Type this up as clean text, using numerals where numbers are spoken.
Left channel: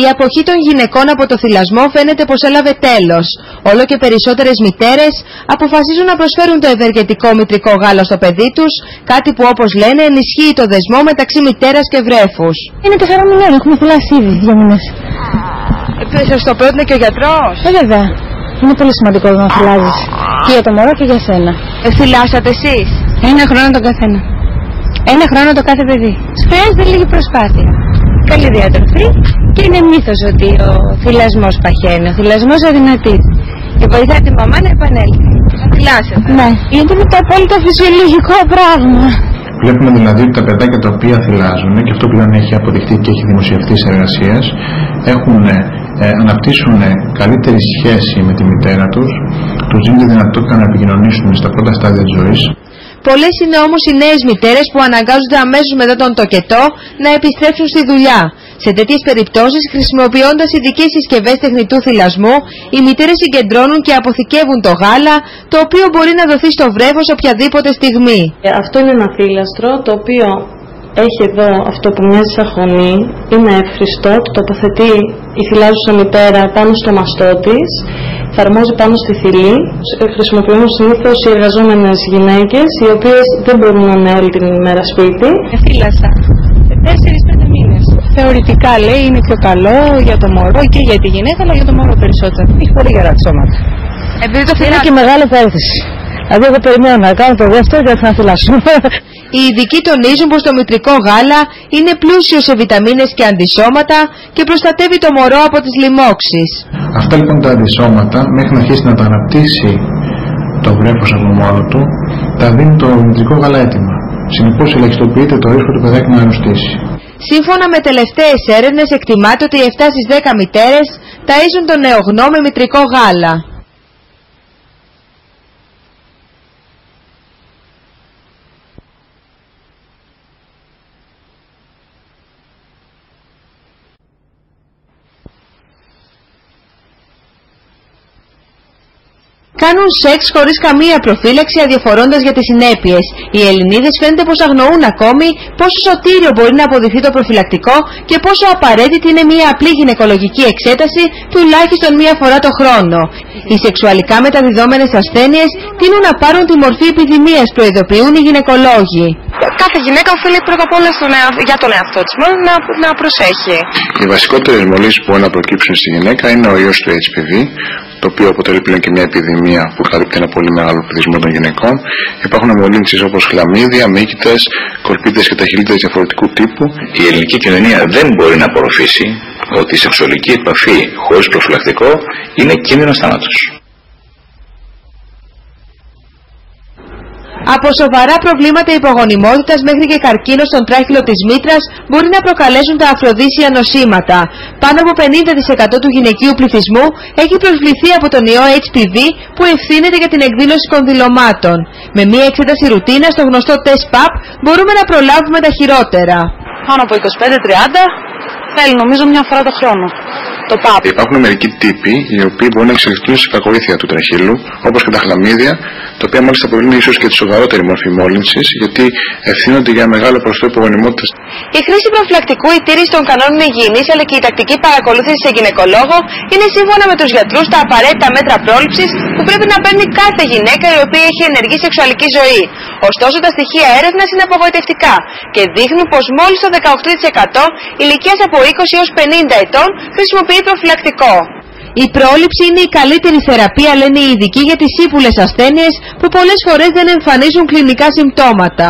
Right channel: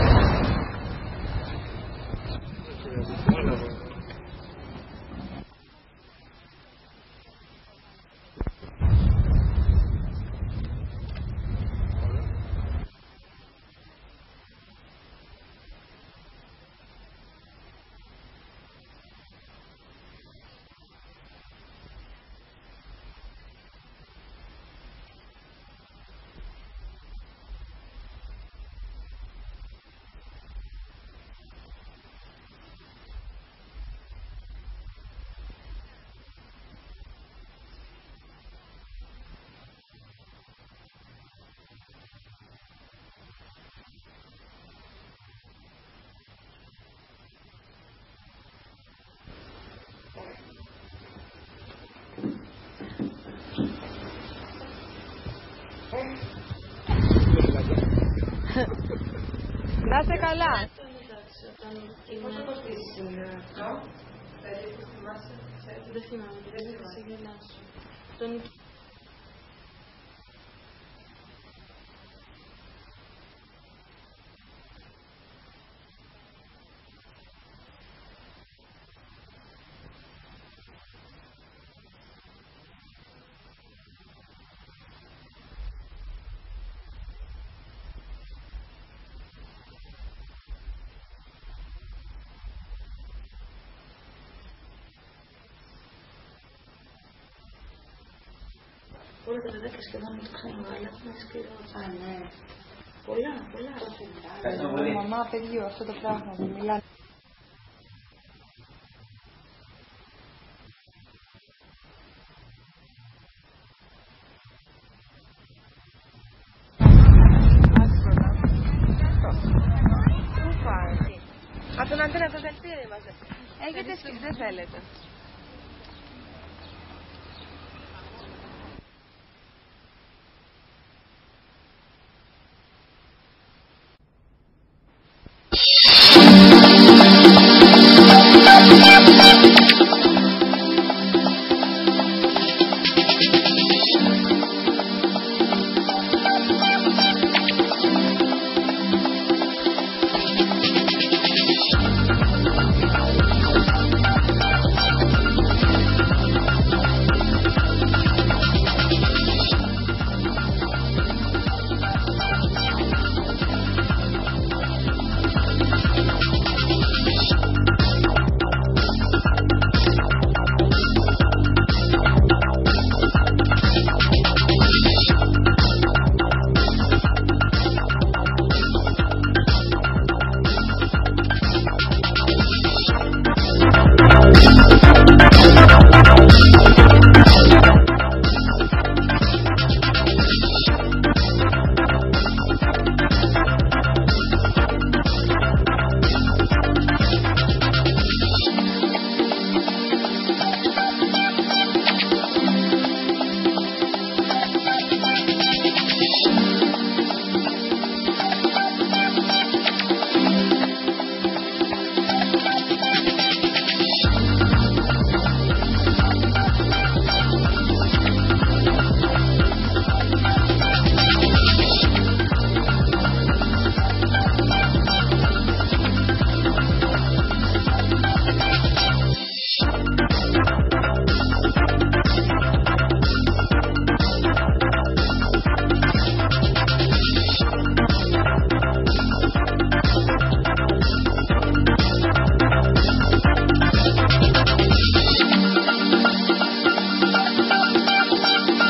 Η αποχή των γυναικών από το θυλασμό φαίνεται πως έλαβε τέλος. Όλο και περισσότερες μητέρες αποφασίζουν να προσφέρουν το ευεργετικό μητρικό γάλα στο παιδί τους, κάτι που όπως λένε ενισχύει το δεσμό μεταξύ μητέρας και βρέφους. Είναι 4 μηνών, έχουμε θυλάσει ήδη 2 μήνες. Σας το πρότεινε και ο γιατρός? Βέβαια. Είναι πολύ σημαντικό να θυλάζεις. Και για το μωρό και για σένα. Θυλάσατε εσείς? 1 χρόνο τον καθένα. 1 χρόνο το κάθε παιδί. Χρειάζεται λίγη προσπάθεια. Καλή διατροφή και είναι μύθος ότι ο θυλασμός παχαίνει. Ο θυλασμός αδυνατεί. Και βοηθάει τη μαμά να επανέλθει. Να θυλάσετε? Ναι, γιατί είναι το απόλυτα φυσιολογικό πράγμα. Βλέπουμε δηλαδή ότι τα παιδάκια τα οποία θυλάζουν, και αυτό πλέον έχει αποδειχτεί και έχει δημοσιευτεί σε εργασίες, αναπτύσσουν καλύτερη σχέση με τη μητέρα τους, τους δίνει τη δυνατότητα να επικοινωνήσουν στα πρώτα στάδια της ζωής. Πολλές είναι όμως οι νέες μητέρες που αναγκάζονται αμέσως μετά τον τοκετό να επιστρέψουν στη δουλειά. Σε τέτοιες περιπτώσεις, χρησιμοποιώντας ειδικές συσκευές τεχνητού θυλασμού, οι μητέρες συγκεντρώνουν και αποθηκεύουν το γάλα, το οποίο μπορεί να δοθεί στο βρέφος οποιαδήποτε στιγμή. Αυτό είναι ένα θύλαστρο, το οποίο έχει εδώ αυτό που μοιάζει σαν χωνή, είναι εύχριστο, το τοποθετεί η θυλάζουσα μητέρα πάνω στο μαστό της, εφαρμόζει πάνω στη θηλή. Χρησιμοποιούν συνήθως οι εργαζόμενες γυναίκες, οι οποίες δεν μπορούν να είναι όλη την ημέρα σπίτι. Θύλασα σε 4-5 μήνες. Θεωρητικά λέει είναι πιο καλό για το μωρό και για τη γυναίκα, αλλά για το μωρό περισσότερο. Έχει πολύ γερά τη σώματα. Επειδή το είναι και μεγάλη επένδυση. Δηλαδή εγώ περιμένω να κάνω το δεύτερο για να θυλάσω. Οι ειδικοί τονίζουν πως το μητρικό γάλα είναι πλούσιο σε βιταμίνες και αντισώματα και προστατεύει το μωρό από τις λοιμώξεις. Αυτά λοιπόν τα αντισώματα, μέχρι να αρχίσει να τα αναπτύσσει το βρέφος από μόνο του, τα δίνει το μητρικό γάλα έτοιμα. Συνεπώς ελαχιστοποιείται το ρίσκο του παιδάκι να αρρωστήσει. Σύμφωνα με τελευταίες έρευνες, εκτιμάται ότι 7 στις 10 μητέρες ταΐζουν τον νεογνώ με μητρικό γάλα. Κάνουν σεξ χωρίς καμία προφύλαξη, αδιαφορώντας για τις συνέπειες. Οι Ελληνίδες φαίνεται πως αγνοούν ακόμη πόσο σωτήριο μπορεί να αποδειχθεί το προφυλακτικό και πόσο απαραίτητη είναι μια απλή γυναικολογική εξέταση τουλάχιστον μία φορά το χρόνο. Οι σεξουαλικά μεταδιδόμενες ασθένειες τείνουν να πάρουν τη μορφή επιδημίας, προειδοποιούν οι γυναικολόγοι. Κάθε γυναίκα οφείλει πρώτα απ' όλα για τον εαυτό της μόνο να προσέχει. Οι βασικότερες μολύνσεις που μπορούν να προκύψουν στη γυναίκα είναι ο ιός του HPV, το οποίο αποτελεί πλέον και μια επιδημία που καλύπτει ένα πολύ μεγάλο πληθυσμό των γυναικών. Υπάρχουν μολύνσεις όπως χλαμίδια, μύκητες, κορπίδες και ταχυλίδες διαφορετικού τύπου. Η ελληνική κοινωνία δεν μπορεί να απορροφήσει ότι η σεξουαλική επαφή χωρίς προφυλακτικό είναι κίνδυνος θάνατος. Από σοβαρά προβλήματα υπογονιμότητας μέχρι και καρκίνο στον τράχυλο της μήτρας μπορεί να προκαλέσουν τα αφροδίσια νοσήματα. Πάνω από 50% του γυναικείου πληθυσμού έχει προσβληθεί από τον ιό HPV που ευθύνεται για την εκδήλωση κονδυλωμάτων. Με μία εξέταση ρουτίνα στο γνωστό τεστ PAP μπορούμε να προλάβουμε τα χειρότερα. Πάνω από 25-30 θέλει νομίζω μια φορά το χρόνο. Το PAP. Υπάρχουν μερικοί τύποι οι οποίοι μπορούν να εξελιχθούν σε κακοήθεια του τραχύλου, όπως και τα χλαμίδια, τα οποία μάλιστα αποτελούν ίσως και τη σοβαρότερη μορφή μόλυνσης, γιατί ευθύνονται για μεγάλο ποσοστό υπογονιμότητας. Η χρήση προφυλακτικού, η τήρηση των κανόνων υγιεινής αλλά και η τακτική παρακολούθηση σε γυναικολόγο είναι σύμφωνα με τους γιατρούς τα απαραίτητα μέτρα πρόληψης που πρέπει να παίρνει κάθε γυναίκα η οποία έχει ενεργή σεξουαλική ζωή. Ωστόσο, τα στοιχεία έρευνας είναι απογοητευτικά και δείχνουν πως μόλις το 18% ηλικίας από 20 έως 50 ετών χρησιμοποιεί προφυλακτικό. Η πρόληψη είναι η καλύτερη θεραπεία, λένε οι ειδικοί, για τις ύπουλες ασθένειες που πολλές φορές δεν εμφανίζουν κλινικά συμπτώματα.